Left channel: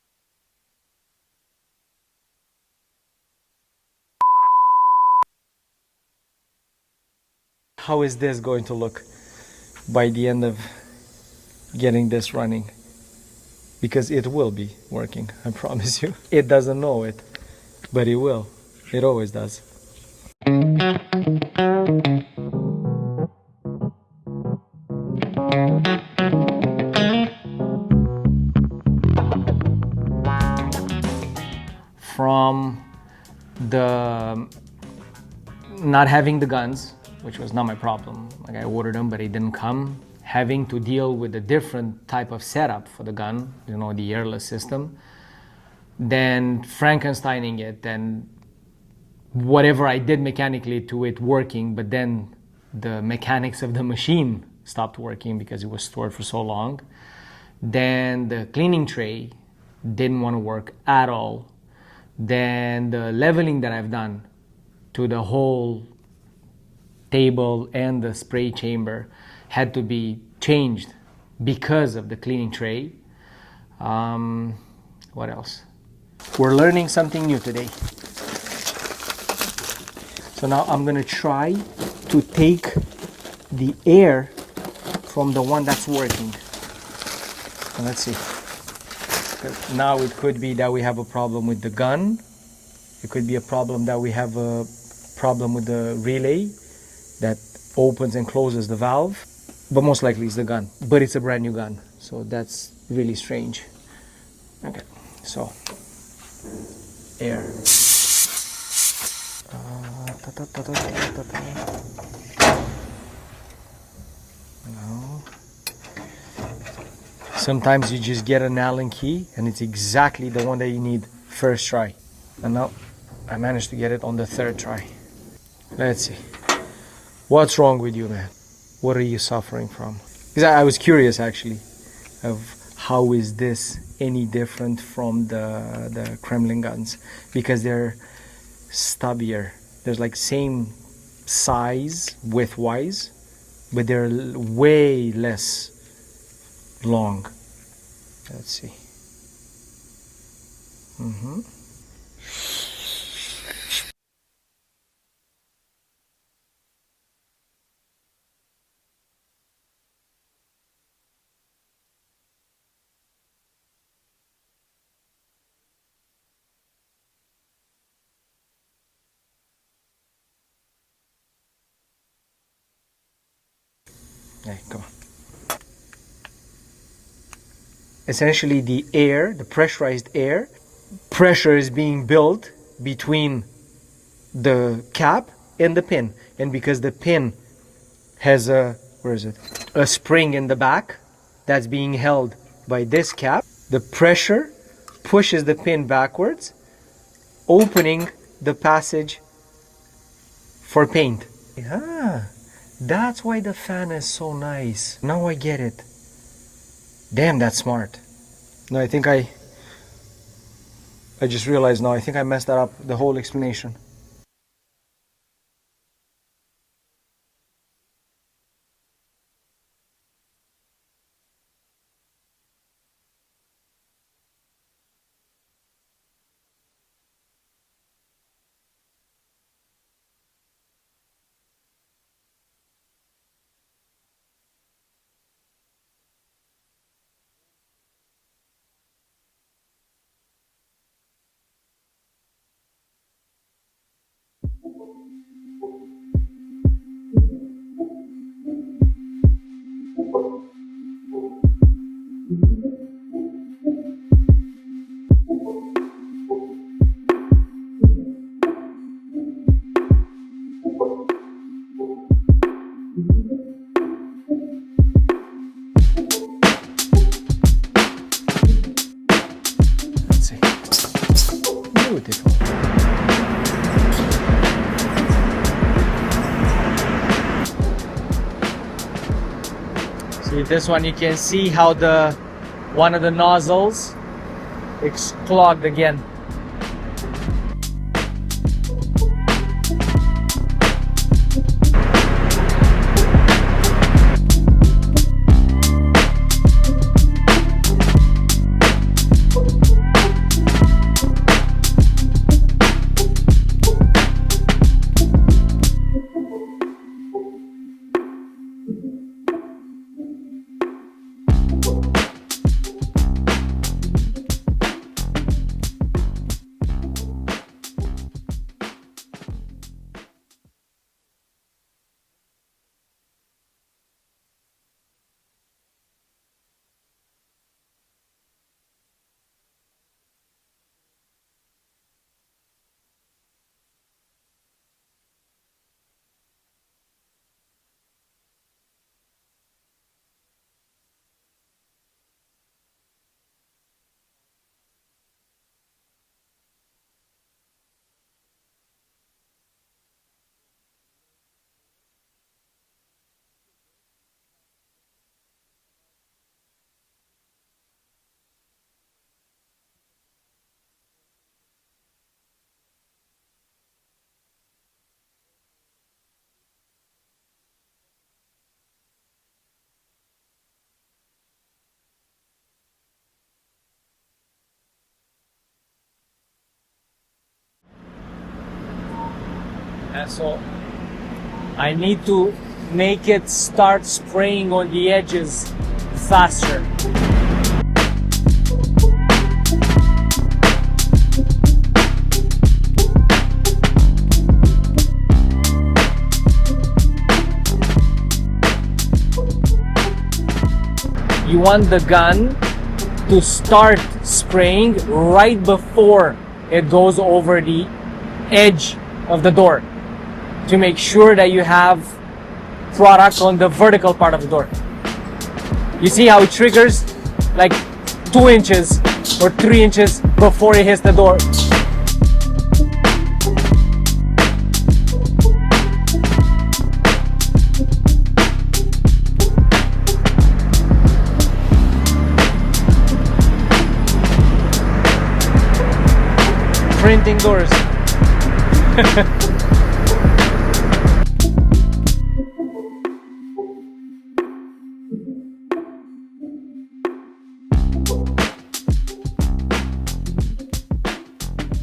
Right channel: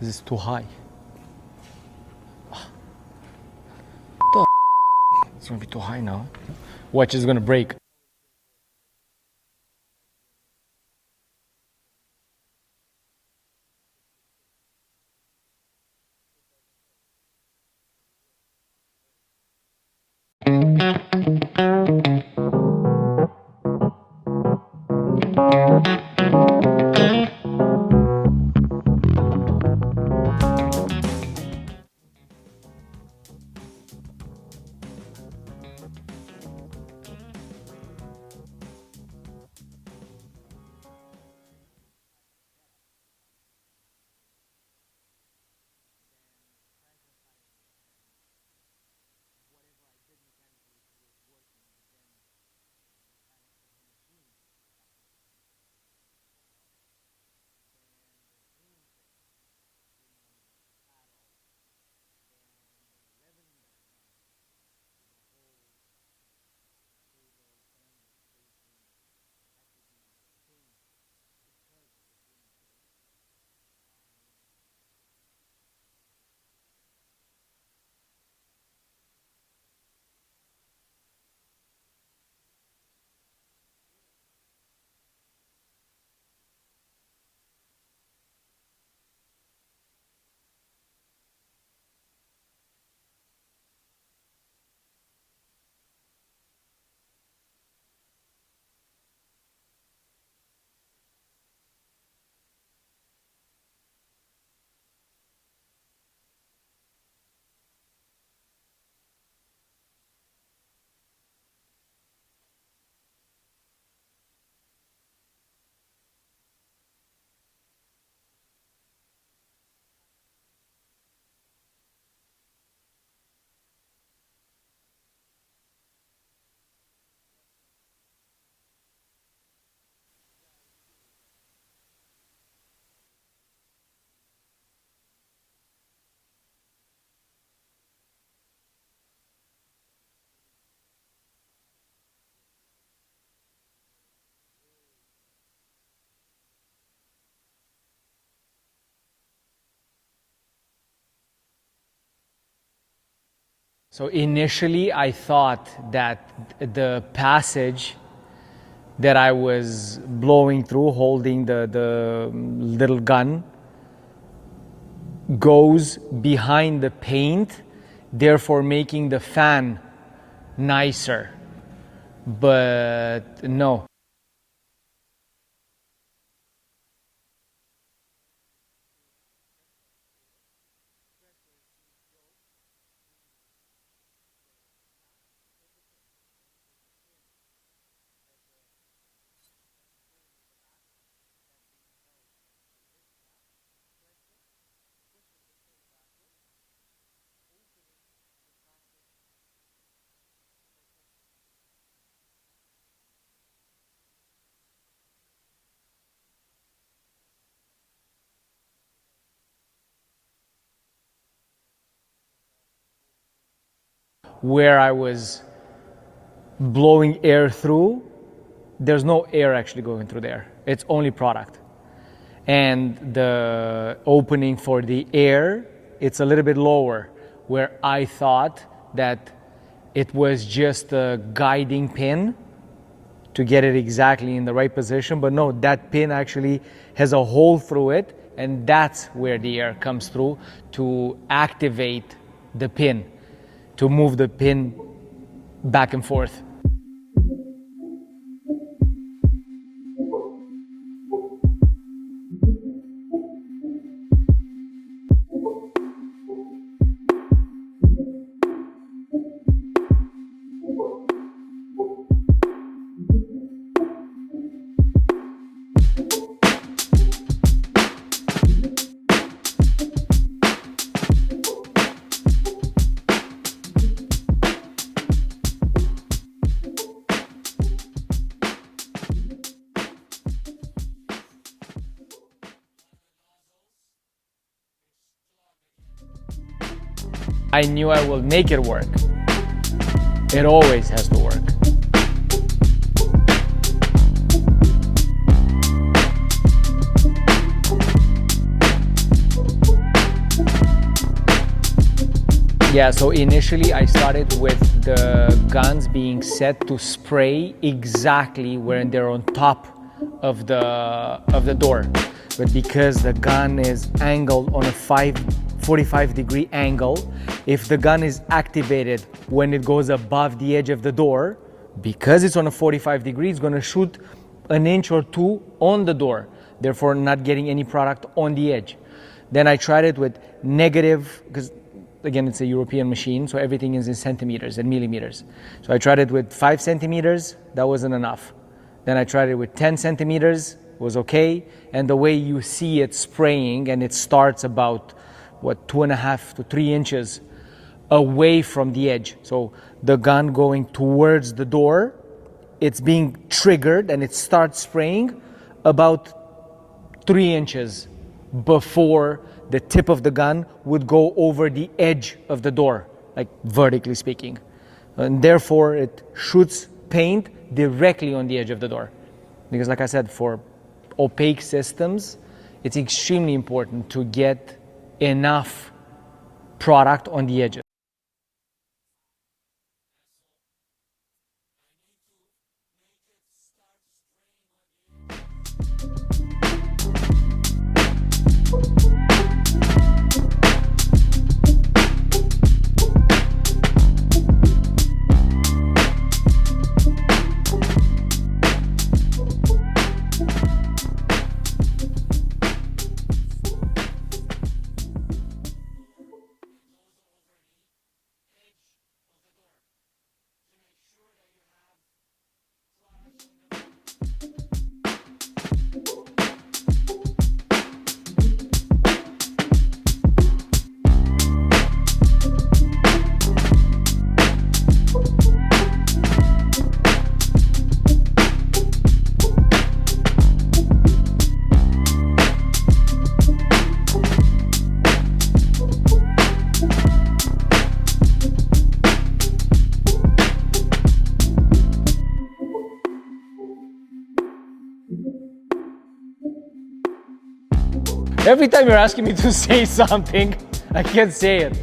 This is too high. It's gonna be too high now. Watch, it's gonna break. How is this going to look by the end of getting this running? Because it will be working, I promise you. It doesn't know it, but it will. It always does. From the not having the guns, which was not my problem. Like I ordered them, but it didn't come. Having to deal with a different type of setup for the gun, you know, the Airless system. Then Frankensteining it, and whatever I did mechanically to it working, but then the mechanics of the machine stopped working because it was stored for so long. Then the cleaning tray didn't want to work at all. Then the leveling that I've done to the whole table and the spray chamber had to be changed because of the cleaning tray. What else? We're learning something new today. So now I'm gonna try to take the air from the one that's working. And let's see. Now it could be that we have a problem with the gun. It could be a problem that we have a problem with the relay that opens and closes the valve. But most likely it's the gun. But it's a brand new gun. So that's really strange. Okay, so air. No. Sometimes you just get an Allen key and it's exactly the one that you need first try. And now I managed to get it on the third try. Let's see. What's wrong with you, man? What are you suffering from? Because I was curious actually of how is this any different from the Kremlin guns, because they're stubbier. There's like same size width-wise, but they're way less long. Let's see. So initially I thought that the passage that I was blowing through, holding the little gun, goes behind the paint, therefore making the fan nicer. But no. Okay, come on. Essentially the air, the pressurized air, pressure is being built between the cap and the pin. And because the pin has a, where is it? A spring in the back that's being held by this cap, the pressure pushes the pin backwards, opening the passage for paint. Ah, that's why the fan is so nice. Now I get it. Damn, that's smart. No, I think I just realized now, I think I messed that up, the whole explanation. Where I was blowing air through, there's no air actually going through there. It's only product. And the opening for the air, it's a little bit lower, where I thought that it was just a guiding pin to get it exactly in the right position. But no, that pin actually has a hole through it, and that's where the air comes through to activate the pin, to move the pin back and forth. See this one, you can see how one of the nozzles is clogged again. I knew I will make it work. It always has to work. Yeah, so initially I started with the guns being set to spray exactly when they're on top of the door. But because the gun is angled on a 45-degree angle, if the gun is activated when it goes above the edge of the door, because it's on a 45 degree, it's going to shoot an inch or two on the door, therefore not getting any product on the edge. Then I tried it with negative, because again, it's a European machine, so everything is in centimeters and millimeters. So I tried it with 5 centimeters, that wasn't enough. Then I tried it with 10 centimeters, was okay. And the way you see it spraying, and it starts about, 2.5 to 3 inches away from the edge. So the gun going towards the door, it's being triggered and it starts spraying about 3 inches before the tip of the gun would go over the edge of the door, like vertically speaking. And therefore it shoots paint directly on the edge of the door. Because like I said, for opaque systems, it's extremely important to get enough product on the edges. And so I need to make it start spraying on the edges faster. You want the gun to start spraying right before it goes over the edge of the door to make sure that you have product on the vertical part of the door. You see how it triggers like 2 inches or 3 inches before it hits the door. Printing doors. Every time you're asking me to say something, I can't say it.